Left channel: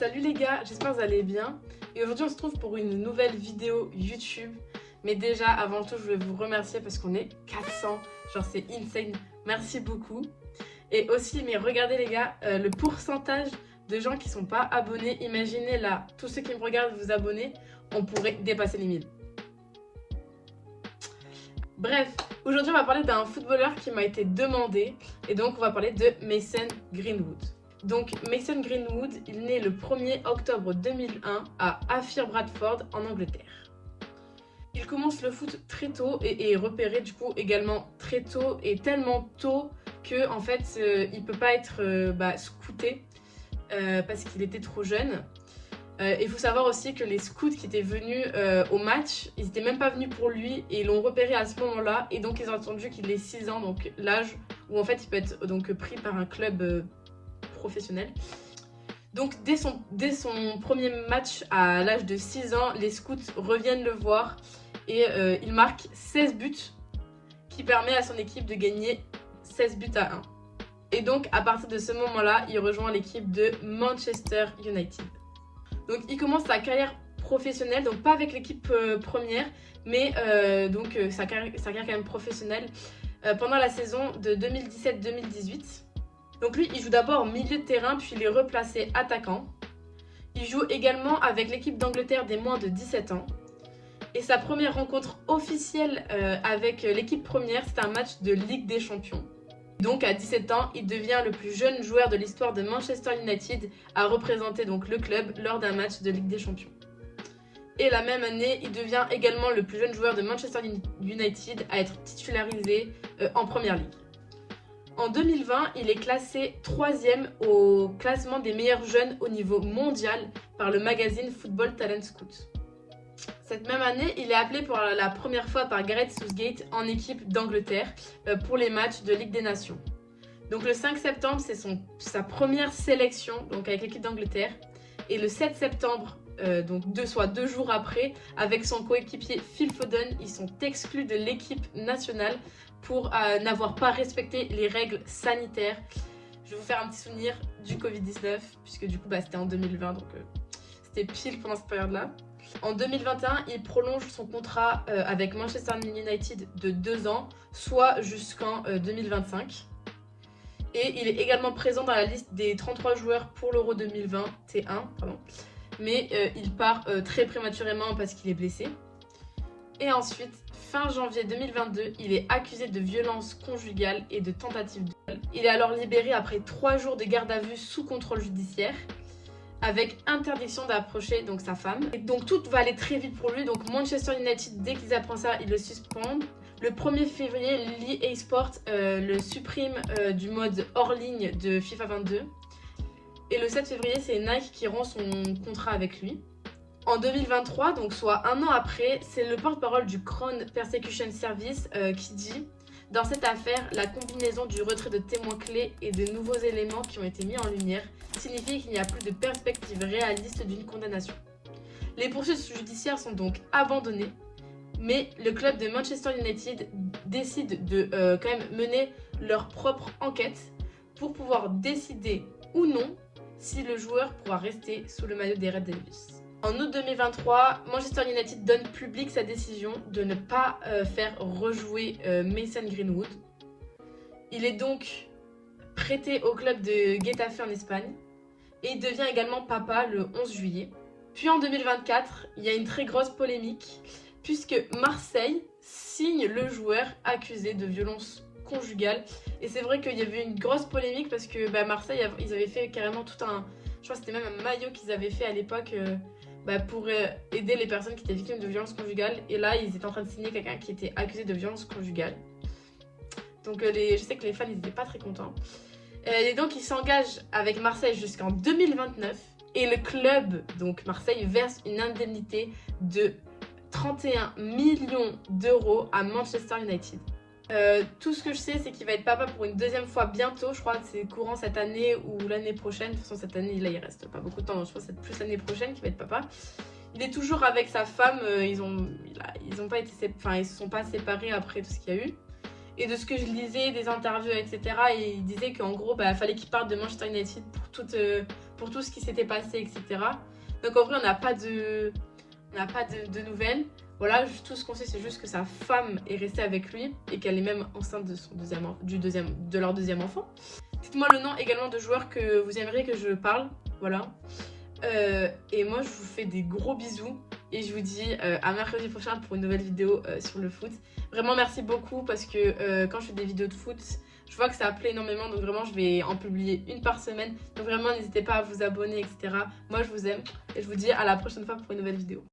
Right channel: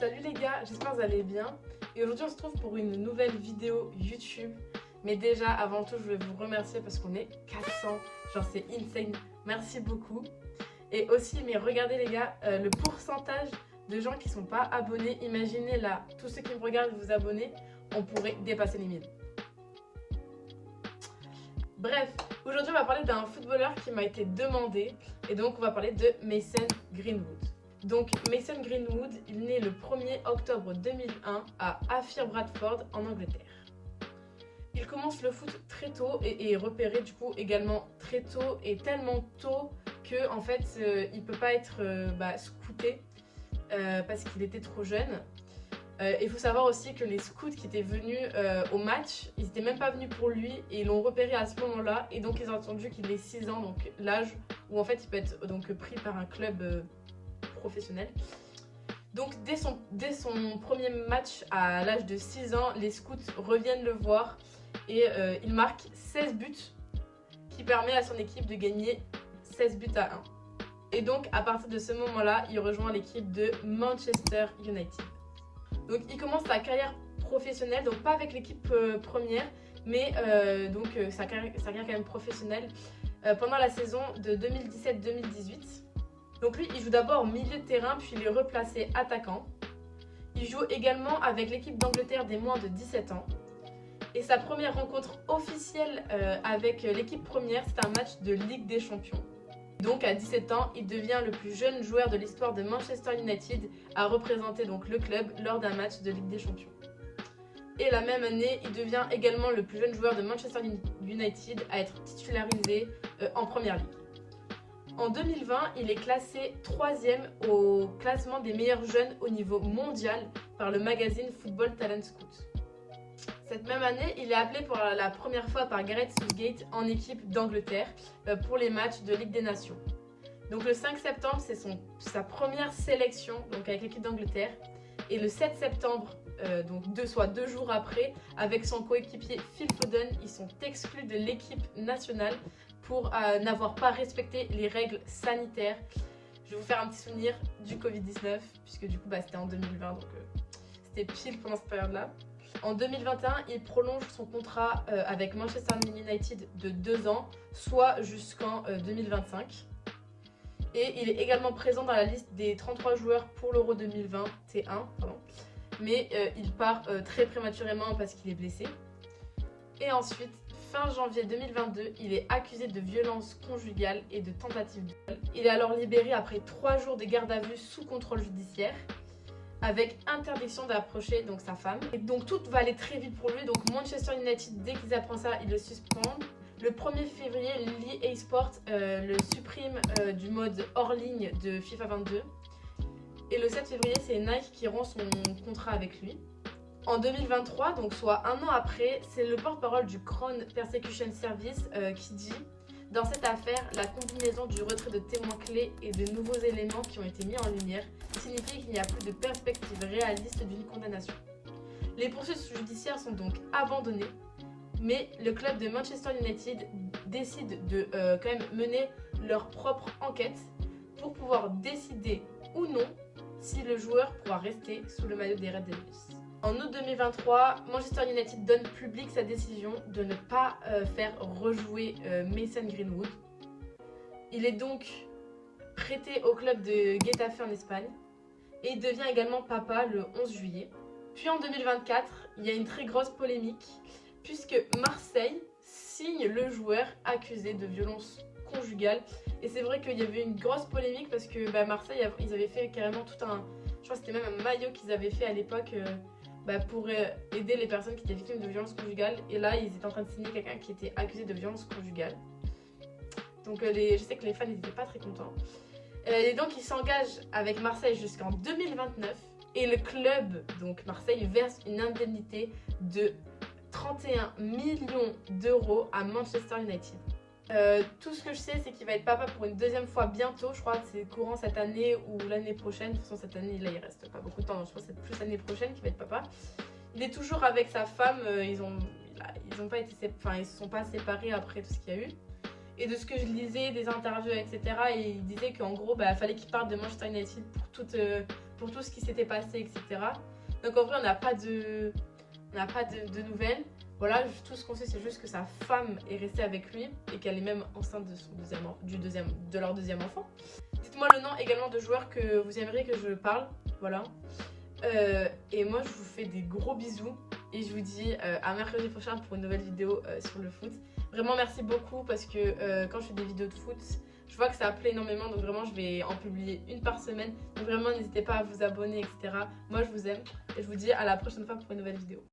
Salut les gars, j'espère que vous allez bien. Et aujourd'hui on se trouve pour une nouvelle vidéo YouTube. Mais déjà avant tout je voulais vous remercier parce qu'on est 400, genre c'est insane, merci beaucoup. Et aussi mais regardez les gars, le pourcentage de gens qui sont pas abonnés, imaginez là, tous ceux qui me regardent vous abonner, on pourrait dépasser les 1000. Bref, aujourd'hui on va parler d'un footballeur qui m'a été demandé et donc on va parler de Mason Greenwood. Donc Mason Greenwood, il est né le 1er octobre 2001 à Afir Bradford en Angleterre. Il commence le foot très tôt et est repéré du coup également très tôt et tellement tôt que en fait il peut pas être scouté parce qu'il était trop jeune. Il faut savoir aussi que les scouts qui étaient venus au match, ils n'étaient même pas venus pour lui et ils l'ont repéré à ce moment-là et donc ils ont attendu qu'il ait 6 ans, donc l'âge où en fait il peut être donc pris par un club professionnel. Donc dès son premier match à l'âge de 6 ans, les scouts reviennent le voir et il marque 16 buts qui permet à son équipe de gagner 16 buts à 1. Et donc à partir de ce moment-là, il rejoint l'équipe de Manchester United. Donc il commence sa carrière professionnelle, donc pas avec l'équipe première, mais sa carrière quand même professionnelle pendant la saison de 2017-2018. Donc lui, il joue d'abord au milieu de terrain, puis il est replacé attaquant. Il joue également avec l'équipe d'Angleterre des moins de 17 ans. Et sa première rencontre officielle avec l'équipe première, c'est un match de Ligue des Champions. Donc à 17 ans, il devient le plus jeune joueur de l'histoire de Manchester United à représenter donc le club lors d'un match de Ligue des Champions. Et la même année, il devient également le plus jeune joueur de Manchester United à être titularisé en Première Ligue. En 2020, il est classé 3e au classement des meilleurs jeunes au niveau mondial par le magazine Football Talent Scout. Cette même année, il est appelé pour la première fois par Gareth Southgate en équipe d'Angleterre pour les matchs de Ligue des Nations. Donc le 5 septembre, c'est sa première sélection donc avec l'équipe d'Angleterre. Et le 7 septembre, soit 2 jours après, avec son coéquipier Phil Foden, ils sont exclus de l'équipe nationale pour n'avoir pas respecté les règles sanitaires. Je vais vous faire un petit souvenir du Covid-19, puisque du coup c'était en 2020, donc c'était pile pendant cette période-là. En 2021, il prolonge son contrat avec Manchester United de 2 ans, soit jusqu'en 2025. Et il est également présent dans la liste des 33 joueurs pour l'Euro 2021, mais il part très prématurément parce qu'il est blessé. Et ensuite, fin janvier 2022, il est accusé de violence conjugale et de tentative de viol. Il est alors libéré après 3 jours de garde à vue sous contrôle judiciaire, avec interdiction d'approcher donc sa femme. Et donc tout va aller très vite pour lui. Donc Manchester United, dès qu'ils apprennent ça, ils le suspendent. Le 1er février, l'EA Sports le supprime du mode hors ligne de FIFA 22. Et le 7 février, c'est Nike qui rend son contrat avec lui. En 2023, donc soit un an après, c'est le porte-parole du Crown Persecution Service qui dit: dans cette affaire, la combinaison du retrait de témoins clés et de nouveaux éléments qui ont été mis en lumière signifie qu'il n'y a plus de perspective réaliste d'une condamnation. Les poursuites judiciaires sont donc abandonnées, mais le club de Manchester United décide de quand même mener leur propre enquête pour pouvoir décider ou non si le joueur pourra rester sous le maillot des Red Devils. En août 2023, Manchester United donne public sa décision de ne pas faire rejouer Mason Greenwood. Il est donc prêté au club de Getafe en Espagne et il devient également papa le 11 juillet. Puis en 2024, il y a une très grosse polémique puisque Marseille signe le joueur accusé de violence conjugale. Et c'est vrai qu'il y avait une grosse polémique parce que Marseille, ils avaient fait carrément tout un... Je crois que c'était même un maillot qu'ils avaient fait à l'époque pour aider les personnes qui étaient victimes de violences conjugales. Et là, ils étaient en train de signer quelqu'un qui était accusé de violence conjugale. Donc je sais que les fans n'étaient pas très contents. Et donc il s'engage avec Marseille jusqu'en 2029. Et le club, donc Marseille, verse une indemnité de 31 millions d'euros à Manchester United. Tout ce que je sais, c'est qu'il va être papa pour une deuxième fois bientôt. Je crois que c'est courant cette année ou l'année prochaine. De toute façon, cette année, là, il reste pas beaucoup de temps. Je pense que c'est plus l'année prochaine qu'il va être papa. Il est toujours avec sa femme. Ils se sont pas séparés après tout ce qu'il y a eu. Et de ce que je lisais, des interviews, etc., il disait qu'en gros, fallait qu'il parte de Manchester United pour tout ce qui s'était passé, etc. Donc en vrai, on n'a pas de nouvelles. Voilà, tout ce qu'on sait, c'est juste que sa femme est restée avec lui et qu'elle est même enceinte de leur deuxième enfant. Dites-moi le nom également de joueurs que vous aimeriez que je parle. Voilà. Et moi, je vous fais des gros bisous et je vous dis à mercredi prochain pour une nouvelle vidéo sur le foot. Vraiment, merci beaucoup parce que quand je fais des vidéos de foot, je vois que ça plaît énormément. Donc vraiment, je vais en publier une par semaine. Donc vraiment, n'hésitez pas à vous abonner, etc. Moi, je vous aime et je vous dis à la prochaine fois pour une nouvelle vidéo.